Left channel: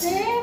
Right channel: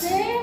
Be